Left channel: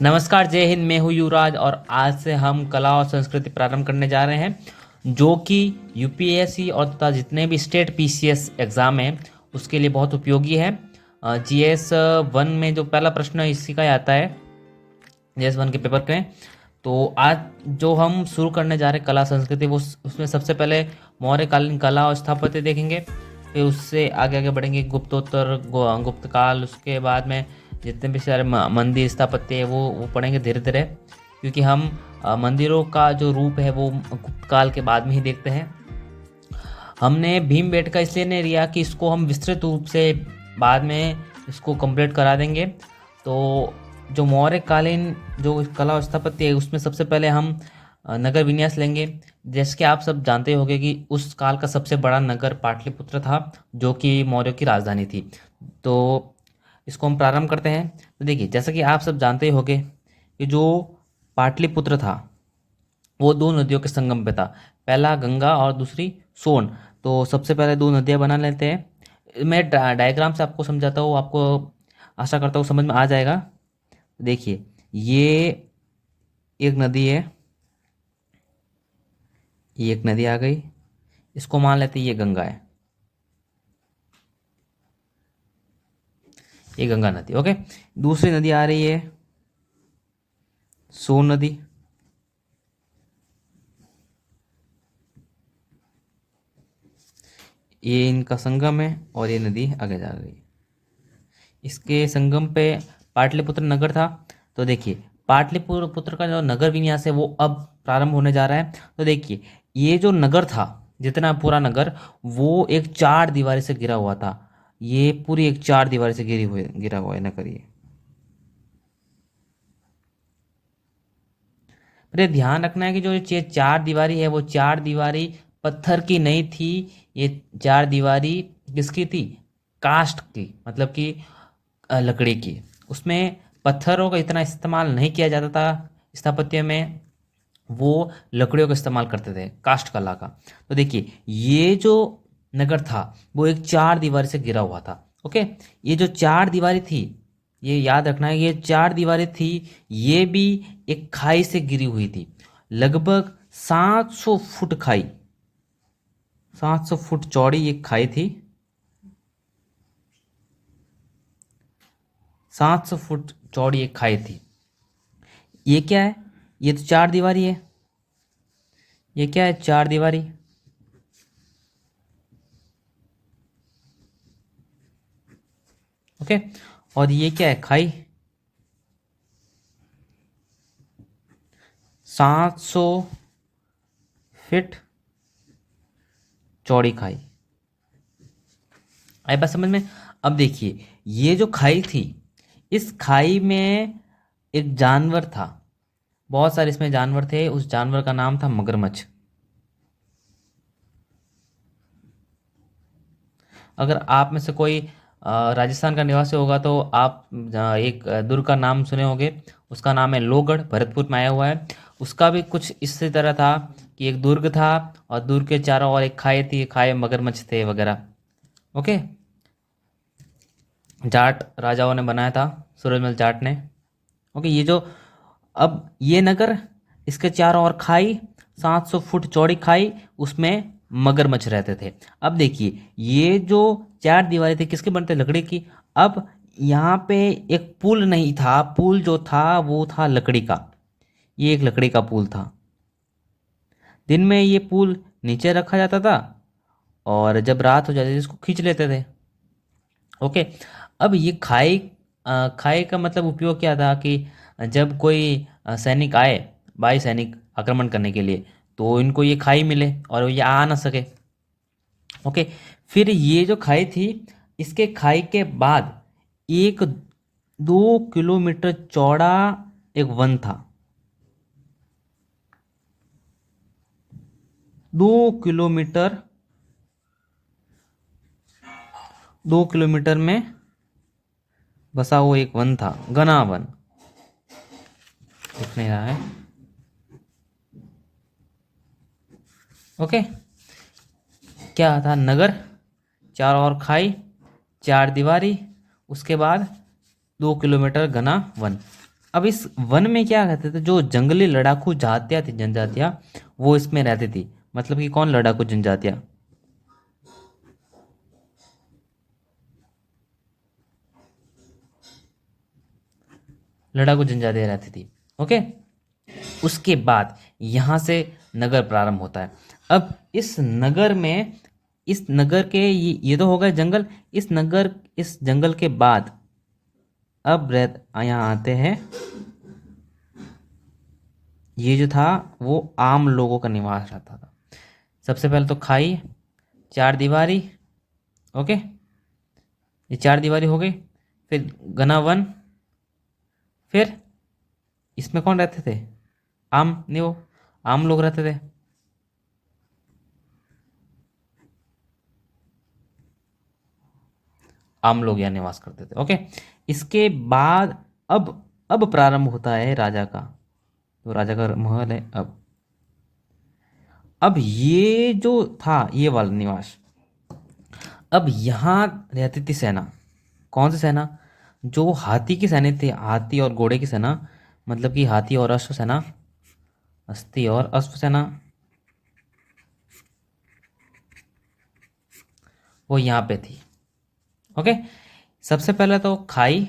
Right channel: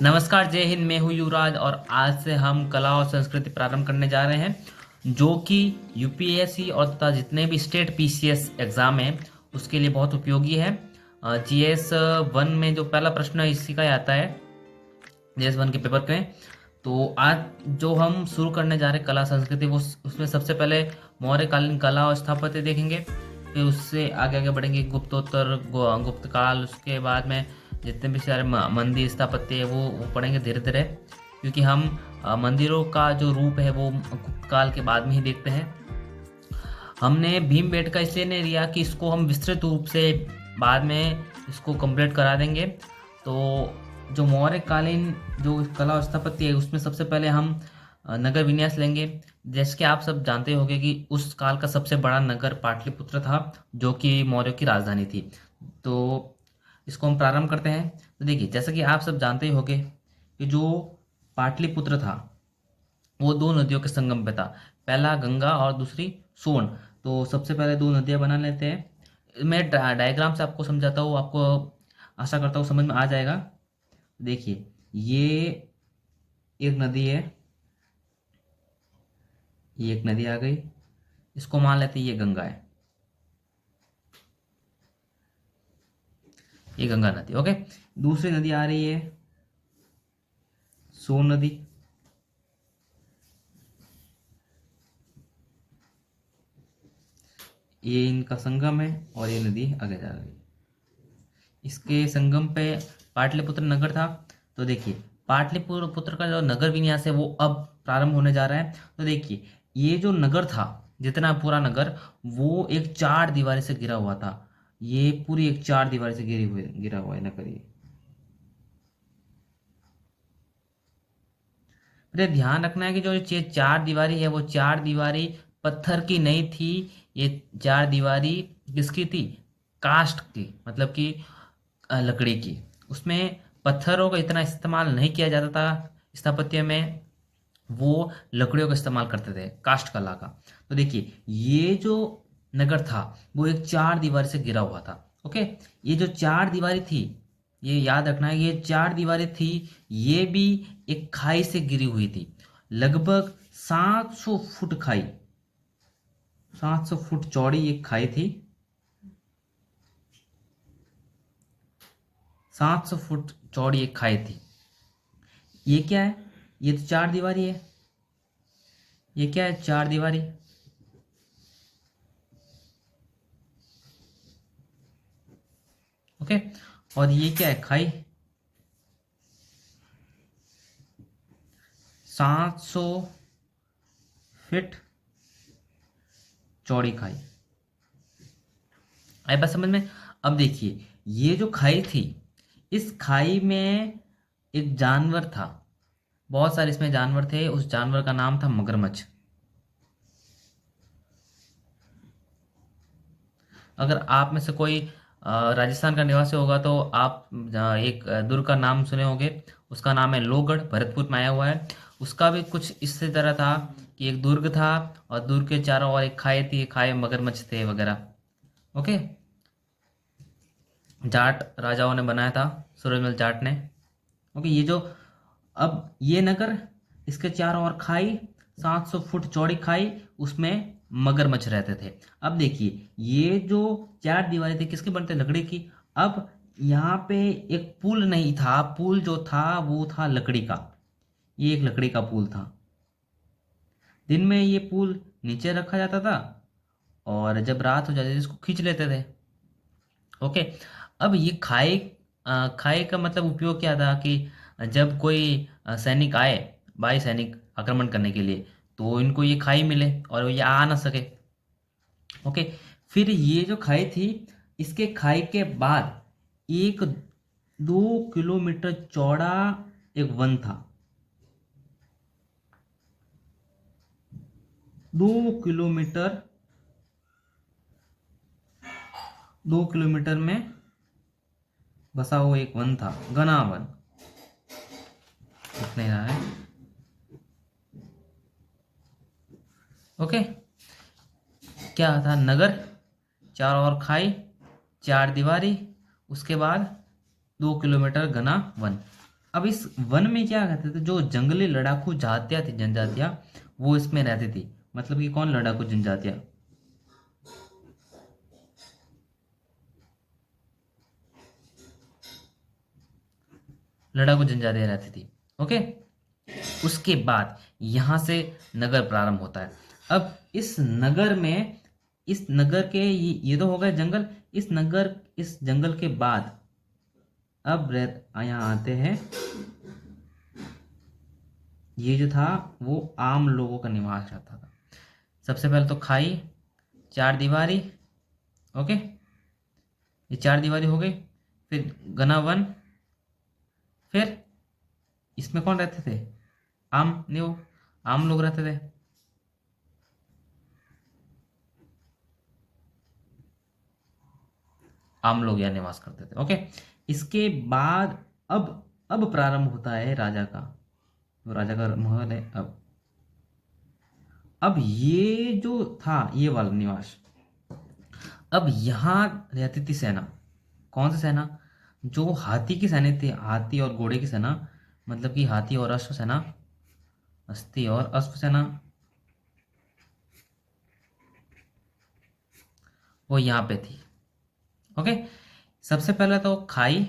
नमस्कार, जय हिंद। मैं हूँ युवराज और आज से हम कला और संस्कृति प्रारंभ करने जा रहे हैं जो कि यूपीएससी और तथा जितने भी स्टेट पीसीएस एग्ज़ाम हैं उसके लिए बहुत उपयोगी है। जीएस वन में जो पहला प्रश्न है इसी का ही आता है, जीएस वन के पेपर के। तो आज जो हम शुरू करने जा रहे हैं कला संस्कृति, वो उसमें सबसे पहले मौर्यकालीन कला और स्थापत्य देखेंगे। फिर उससे आगे आगे बढ़ेंगे गुप्तोत्तर, गुप्त काल। उसके बाद में जितने भी सारे मंदिर स्थापत्य है वो पढ़ेंगे धीरे धीरे, क्योंकि हम मंदिरों का जो रूप है वो गुप्त काल के बाद में ही देखते हैं। हमने भीमबेटका इसलिए नहीं लिया कि इसको हम विस्तृत रूप से बाद में इसको कंप्लीट करा देंगे। तो जो मौर्यकालीन जो कला और स्थापत्य है उसमें सबसे पहले हम नगर विन्यास लेंगे। जैसे कि आप सब जानते होंगे कि उस काल का सबसे बड़ा नगर पाटलिपुत्र था, जो कि मौर्य की राजधानी थी। तो इसको हम प्रारंभ करते हैं। तो देखिए, जैसा कि आप सब जानते ही होंगे कि जो पाटलिपुत्र था वो दो नदियों के संगम पे था, पहला गंगा और दूसरी सोन। तो सबसे पहले दो नदियां बना लेते हैं। मैं डायग्राम से आपको समझाता हूँ, आपको आशा करता हूँ समझ में आ जाएगा। देखिए, ये एक नदी है, ये एक नदी आ गई, इसको मान लेते हैं ये गंगा है, ये गंगा नदी। ओके, दूसरी नदी आ रही है सोन नदी। ये इनका संगम है और ये नदी आगे जा रही है। इसके संगम पे पाटलिपुत्र नगर था। तो देखिए, पाटलिपुत्र का जो नगर विन्यास है वो अब प्रारंभ होने जा रहा है। तो देखिए, ये जो नगर था, जितना पूरा नगर, वो एक चार दीवारी से घिरा हुआ था। ये पूरी एक चार दीवारी से घिरा हुआ है नगर ये। अरे ध्यान रखना है कि जो ये चार दीवारी है वो चार दीवारी पत्थर की नहीं थी। ये चार दीवारी किसकी थी? कास्ट की, मतलब कि लकड़ी की। उसमें पत्थरों का इतना इस्तेमाल नहीं किया जाता था स्थापत्य में, वो लकड़ियों का इस्तेमाल करते थे, कास्ट कला का। तो देखिए, ये जो नगर था वो एक चार दीवारी से घिरा हुआ था। ओके, ये जो चार दीवारी थी, ये याद रखना है, ये चार दीवारें थी, ये भी एक खाई से गिरी हुई थी। लगभग 700 फुट खाई, 700 फुट चौड़ी एक खाई थी, 700 फुट चौड़ी एक खाई थी। ये क्या है? ये तो चार दीवारी है। ये क्या है? चार दीवारी। ओके, और ये क्या है? खाई। 700 फीट चौड़ी खाई। आई बात समझ में? अब देखिए, ये जो खाई थी, इस खाई में एक जानवर था। बहुत सारे इसमें जानवर थे, उस जानवर का नाम था मगरमच्छ। अगर आप में से कोई राजस्थान का निवासी होगा तो आप एक दुर्ग का नाम सुने होंगे, उसका नाम है लोहगढ़, भरतपुर में आया हुआ है। उसका भी कुछ इसी तरह था कि एक दुर्ग था और दुर्ग के चारों ओर एक खाई थी, खाई में मगरमच्छ थे वगैरह। ओके, जाट राजाओं ने बनाया था, सूरजमल जाट ने। ओके, ये जो अब ये नगर, इसके चारों ओर खाई, 700 फुट चौड़ी खाई, उसमें मगरमच्छ रहते थे। अब देखिए, ये जो चार दीवारें थी किसके बनते? लकड़ी की। अब यहाँ पे एक पुल नहीं था, पुल जो था वो था लकड़ी का। ये एक लकड़ी का पुल था। दिन में ये पुल नीचे रखा जाता था और जब रात हो जाती थी इसको खींच लेते थे। ओके, अब ये खाई, खाई का मतलब उपयोग क्या था कि जब कोई सैनिक आए, बाई सैनिक आक्रमण करने के लिए, तो इनको ये खाई मिले और ये आ ना सके। ओके, फिर ये जो खाई थी, इसके खाई के बाद एक 2 किलोमीटर चौड़ा एक वन था। 2 किलोमीटर, 2 किलोमीटर में बसा हुआ एक वन था, घना वन। दिख नहीं रहा है। ओके, क्या था? नगर, चारों ओर खाई, चार दीवारी, उसके बाद 2 किलोमीटर घना वन। अब इस वन में क्या कहते थे, जो जंगली लड़ाकू जातियाँ थी, जनजातियाँ, वो इसमें रहती थी। मतलब कि कौन लड़ाकू जनजातियाँ? लड़ाकू जनजातियाँ रहती थी। ओके। उसके बाद यहाँ से नगर प्रारंभ होता है। अब इस नगर में, इस नगर के ये तो हो गए जंगल। इस जंगल के बाद अब यहाँ आते हैं, ये जो था वो आम लोगों का निवास रहता था। सबसे पहले तो खाई, चार दीवारी। ओके, ये चार दीवारी हो गई। फिर घना वन। फिर इसमें कौन रहते थे? आम नहीं, वो आम लोग रहते थे। आम लोग यहाँ निवास करते थे। ओके। इसके बाद अब प्रारंभ होता है राजा का। तो राजा का महल है। अब ये जो था ये वाला निवास, अब यहाँ रहती थी सेना। कौन सी सेना? जो हाथी की सेना थी, हाथी और घोड़े की सेना। मतलब कि हाथी और अश्व सेना, हस्ती और अश्व सेना, वो यहाँ पे थी। ओके। सबसे पहले तो खाई,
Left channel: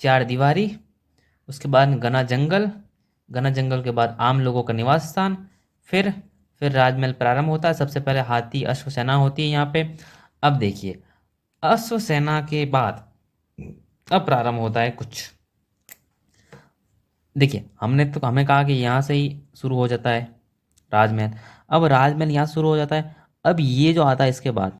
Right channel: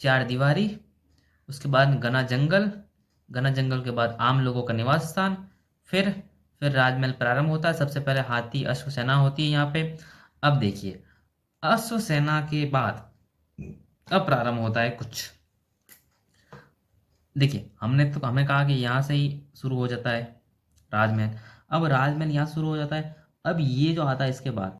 चार दीवारी, उसके बाद घना जंगल, घना जंगल के बाद आम लोगों का निवास स्थान। फिर फिर राजमहल प्रारंभ होता है। सबसे पहले हाथी अश्व सेना होती है यहाँ पे। अब देखिए, अश्व सेना के बाद अब प्रारंभ होता है कुछ। देखिए, हमें कहा कि यहाँ से ही शुरू हो जाता है राजमहल। अब राजमहल यहाँ से शुरू हो जाता है। अब ये जो आता है इसके बाद,